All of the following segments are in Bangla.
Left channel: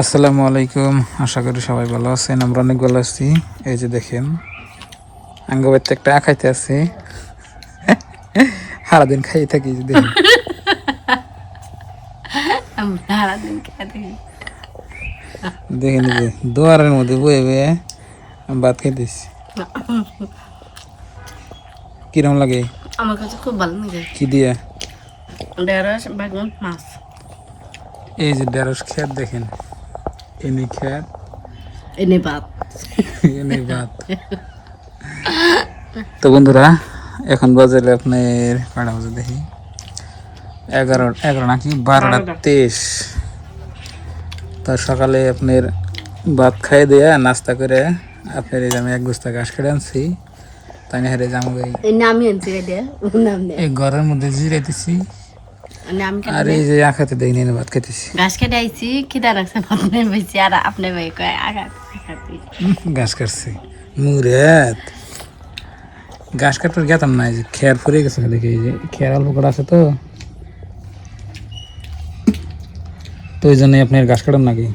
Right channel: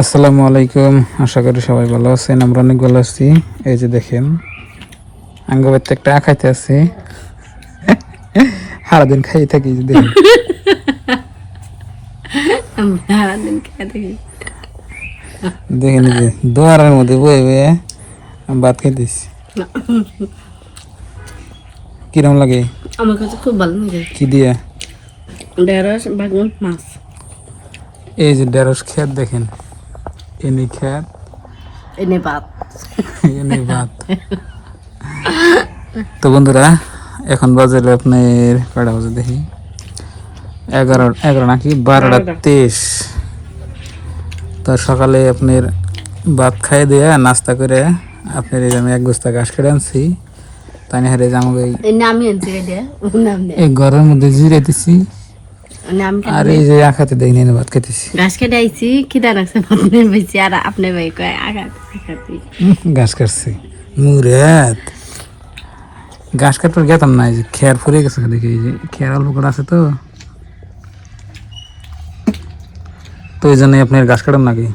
আসসালামু আলাইকুম। আশা করি সবাই ভালো আছেন। আমরা অনেক ভালো আছি। এই যে দেখেন আঙ্গবাইতে একটা খাইতে আছি, সারাদিন খাই থাকি। এই যে দেখেন দেখেন এই যে দোয়ারের মধ্যে বয়ে বয়ে ভাত খাইতেছি। কিরম লাগে? আমার কাছে খুব ভালো লাগে। কি দিয়ে? ঢেঁড়স বেগুন মাছ। এই যে ঢেঁড়স খেত দেখেন, এনে খেত, এনে ভাত। এনে ভাত। তো বন্ধুরা এখন বাজে আপনার কয়টা বাজে দেখি, 11 নাকি 12:23। তো সকালে আপনার ভাত খাই দিয়ে নাস্তা করে আপনার এই যে আমি এক বস্তা ঘাস কেটে আনছি, তাই না হারে আমাকে আমি আনছি এই ঘরের মধ্যে জিরাইতেছি। আর এই যে আখাতে দেখি নিয়ে ভাত খেতেছি। ঘাস কেটে আইছি, খিদা রাখছে ভাত নেই বেশি। আর আপনি ভাই কয় ঘাস কাটছি মুরাত, ঘাস কাটতে গেতাম না। এই যে খেয়ার ফুরে গেছে, দেখি এই যে খেয়ার অল্প করে আছে, তো এই জন্যই আপনার ঘাস কাটাম নাকি।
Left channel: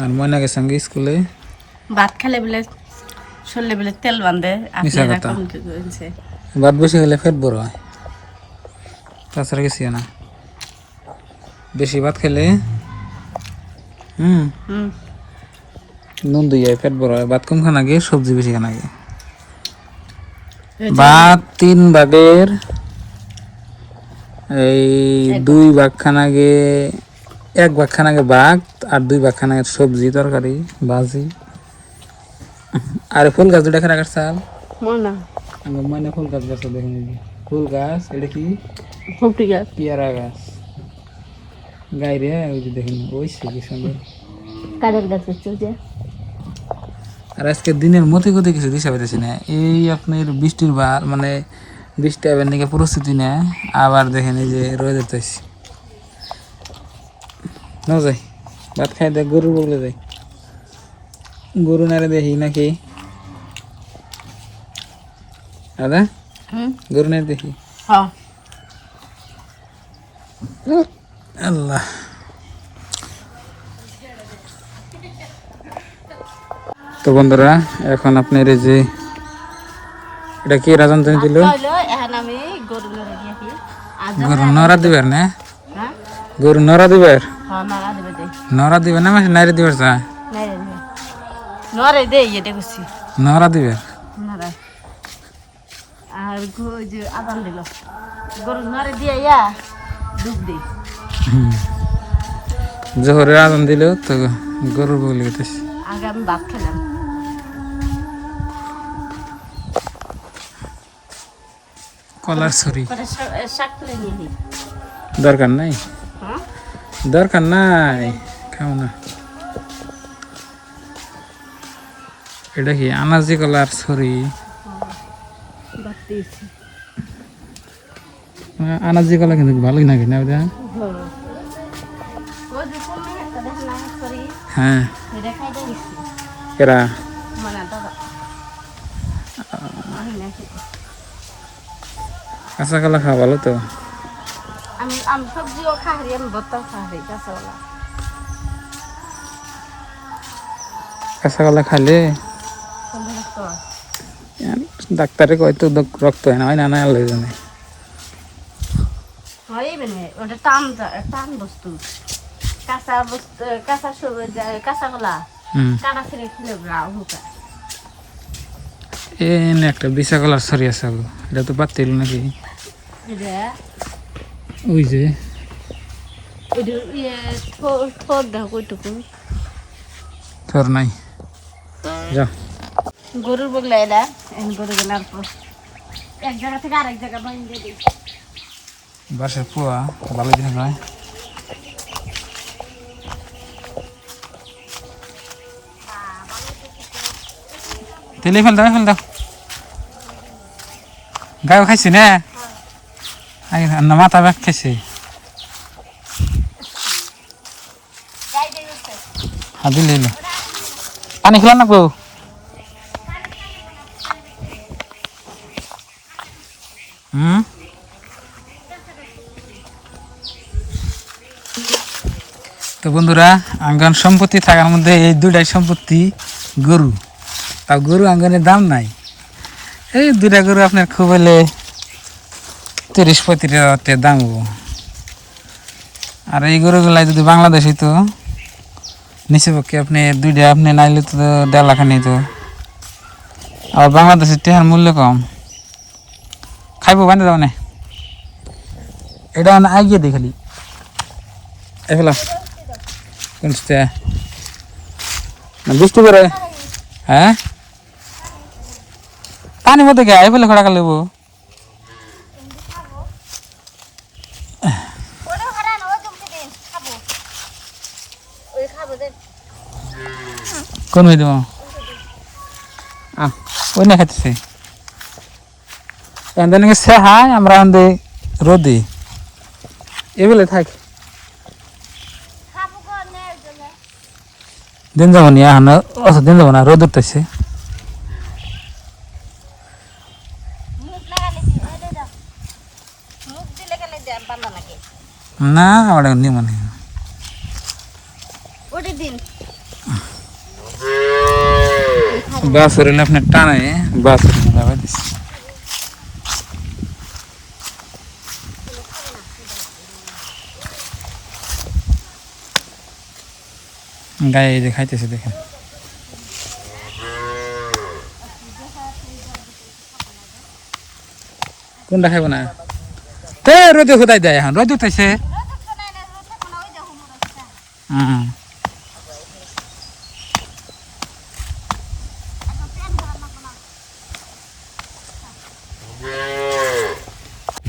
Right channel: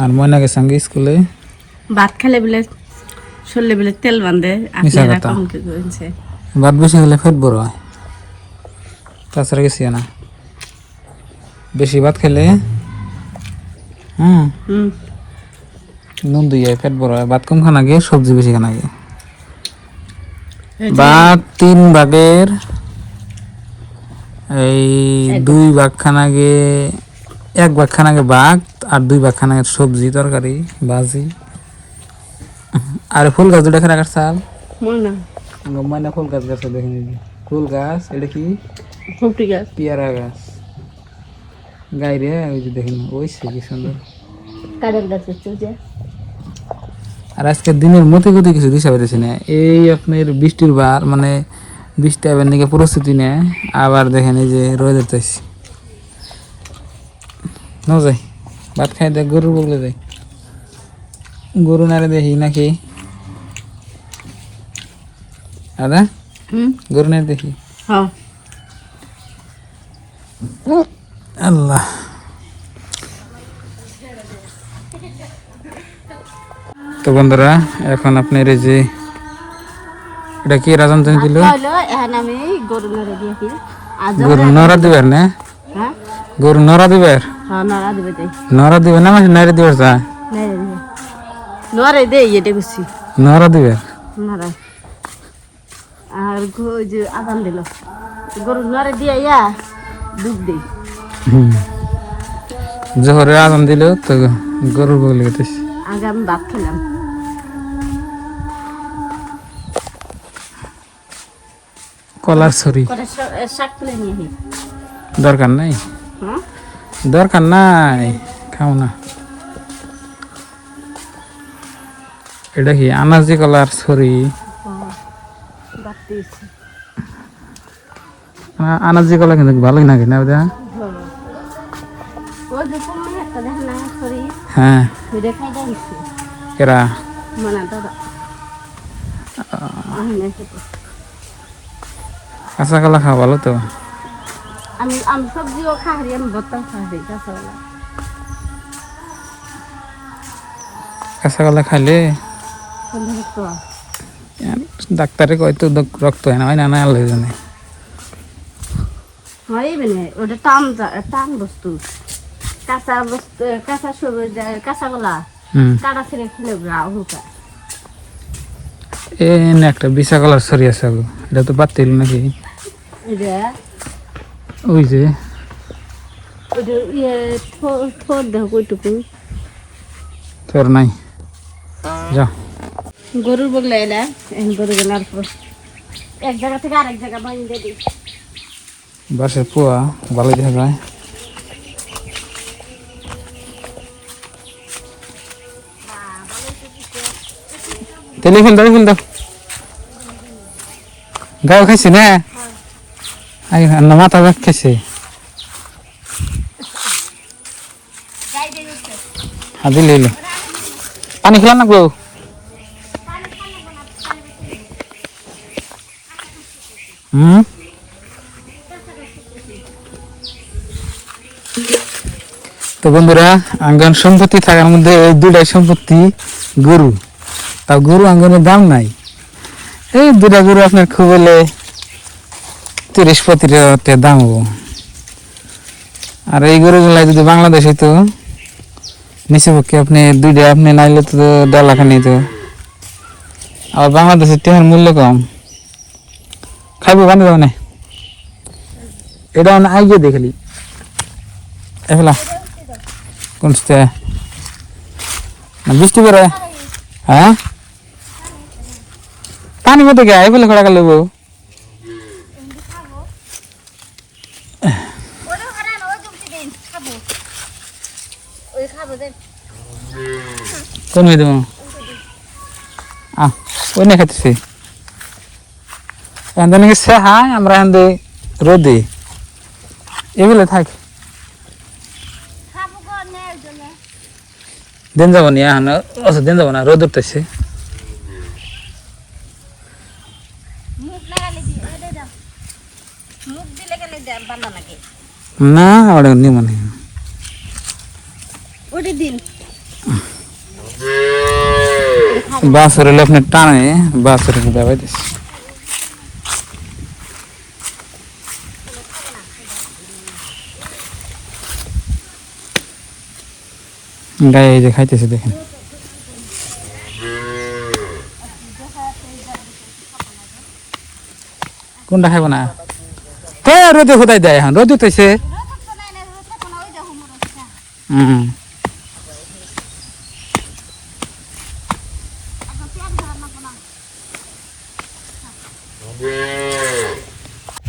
আর ময়না গেছে সঙ্গে স্কুলে। ভাত খেলে বলে শরীরে বলে তেল বাঁধে। আপনারা কম কি করেছে? ভাত বেশি হলে ফেট বড় হয়, তাছাড়া গেছি না। বেশি ভাত খেলে নুন দিয়ে পেট বড় হয়। ভাত কম খানা গে, সবজি বেশি খানা গে। ভাত 3 ভাগের এই 2 ভাগ খানা গে, 1 ভাগ খানা গে ভাত, আর 2 ভাগ খানা সবজি তরকারি ভাজি। আর ফুল গাছ দুটা খানা কাটছাল ময়না ফুল গাছ গাছ দেখেন, ফুল গাছ। এটা কি? ফুটি গাছ, পেয়ারা গাছ। গাইরে ওই যে দেখেন ওই কি সুন্দর কাজের গাছ হচ্ছে। আর আজকে দিনের মতে গতি কিছু দিশা পেতেছি না। এই আপনার বৃষ্টির বার, মানে বৃষ্টি আবার নাকি প্রস্তুতি নেয়। আবার দেখেন এই যে রয়ে যেতেছি ন যাই ভাত খাই দেয়, গরু বগলে যাই, গরু নারে দেখি নাকি দাদা, গরু নারে দেখি। আল্লাহ, তো বন্ধুরা এখন আপনার এই যে এটা কি রাজন দিল, গরু নড়া দিবার না, গরু নড়া দিবার, নড়া দিবে না, মানে নাইরে দিবার চা নরে দে এটা গুছি নড়া দিবে। আর যে আদান দিল গরু নরে দিয়া ইয়া দুধ দেই। জোহরে আজান দিল তো গরুর বগলে গেতেছি। আগে আমি ভাত খেলাম। কলার ছড়ি শাক তুলে নিয়ে দরকার নাই, দরকার নাই, খাও না। এটা কি আনাজি কলার ছড়ি? আনাজি কলা কিন্তু ভালোই লাগে না ওটা। হ্যাঁ এরা কাঁচা কলা খাওয়া ভালো তো। আমি সবজিও খাই, আমি বোতল খাই কাঁচা কলা। কাঁচা কলা খাইলে ডাক্তারে কয় তো রক্ত হয় না, না আনলে জানে। ওটা টান টান বস্তু, কাঁচা বস্তু, কাঁচা সবুজ, কাঁচা কলা কাটা ছেড়ে খেলে হুকা। একটা বিশা কলার ছড়ি আছে, এটা তো বাদ দিল নাকি? ওই যে তোর নাই যা গরুর বগলা এলা গরু গেলার পর এক জায়গা থেকে আরেক জায়গা বাইন্দে দিই। বাসের পোয়া ভালো দেখা যায়। টেলিফোন দাও, ফোন দাও, গায়ে খাইছি না না, মাথা ব্যাগ খাইছে। হ্যাঁ দিলে এলো, পানি খেলাম না গো। তো বন্ধুরা আঙ্গন সম্পত্তি থাকার মধ্যে এই দুইটাই সম্পত্তি গরু, তা গরু আঙ্গনের দাম নাই। এই দুইটা গরু আপনার খুব হলে 30-35 হাজার দাম হবো। আর এই গরুগুলাই যদি বাংলাদেশে তো নিচে পক্ষে আপনি দুইটা আপনি নাইলে তো 1.5 লাখ নিত। আর বাংলাদেশের টেহার মূল্য কম। খাইবো বানিয়ে যাবো না, এটা আগে দেখলি এগুলা কোনটা বৃষ্টি পড়ে। হ্যাঁ পানি মতো গে এই বলে খোড়া গেল কোন হয়ে দেবো ওই না খাইতেছি এখানে সে হাই আমরা এখানে রোদে এগুলো থাক দিন যাবো নি এখন দিন যাবো না রোদ উঠতেছে না আমার নিব না বাঁশের হলে আপনার টানে বাঁশের দাবাই দিচ্ছে গায়ে এই যে খাইতেছে দেখেন কোনটা খাইব না তো রোদে খোদাই দেয় এখন রোদ উঠেছে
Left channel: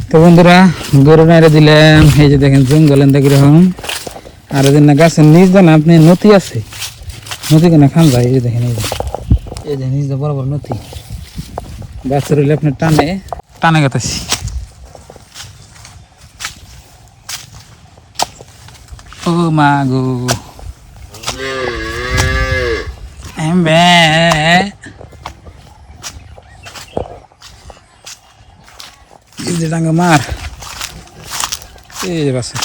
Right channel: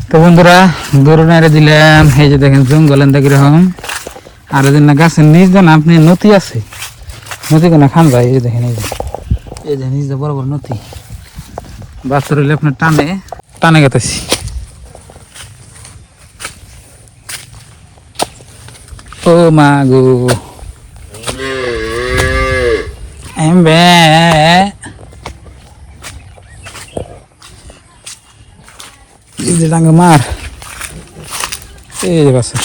তো বন্ধুরা গরু নাইরা দিলাম এই যে দেখেন জঙ্গলেন কিরকম আর না গাছের নিচ দেন আপনি নদী আছে নদী কেন খান যায় এই যে দেখেন এই যে নিচ বড় বড় নদী বাচ্চা রইলে আপনার টানে টানে গেতেছি ও মা গো এমবে এই যে ডাঙ্গে মার এই যে বাচ্চা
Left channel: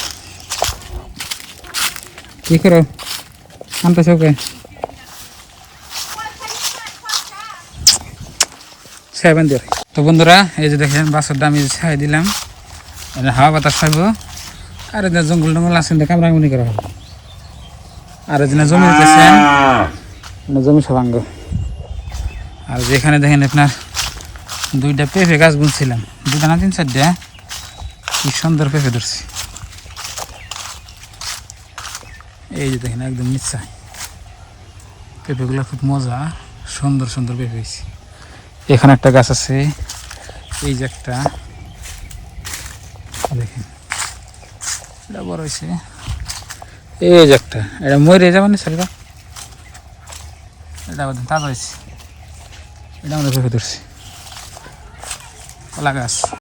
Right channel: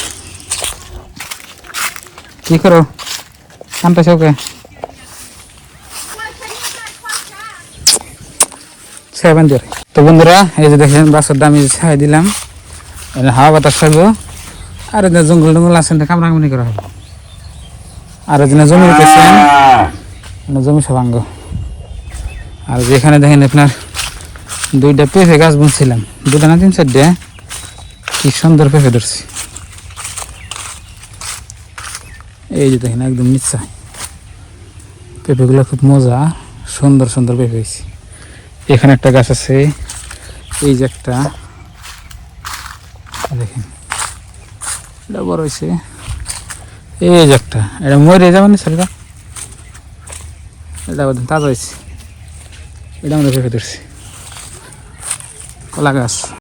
কি করো কানতেছে ওকে তো বন্ধুরা এই যে দেখেন বাচ্চার দাম ছাই দিলাম হাওয়া বাতাস খাইব আর জঙ্গল টঙ্গল আছে না কামড়াকামড়ি করা হবে আর জমি পেয়েছেন জমি সবাঙ্গ আর যেখানে দেখেন আপনার 2টা পেঁপে গাছ বুনছিলাম 2টা না 3-4টা কি সুন্দর পেঁপে ধরছি এই যে দেখেন একদম নিচা পেঁপেগুলো খুব মজা সুন্দর সুন্দর পেঁপে হয়েছে এখানে একটা গাছ আছে এই যে একটা দেখেন এটা বড় হয়েছে এই যে একটা এটা মরে যাবে না সেটা এটা তাজা হয়েছে এটা আমরা পেঁপে ধরছি কলা গাছ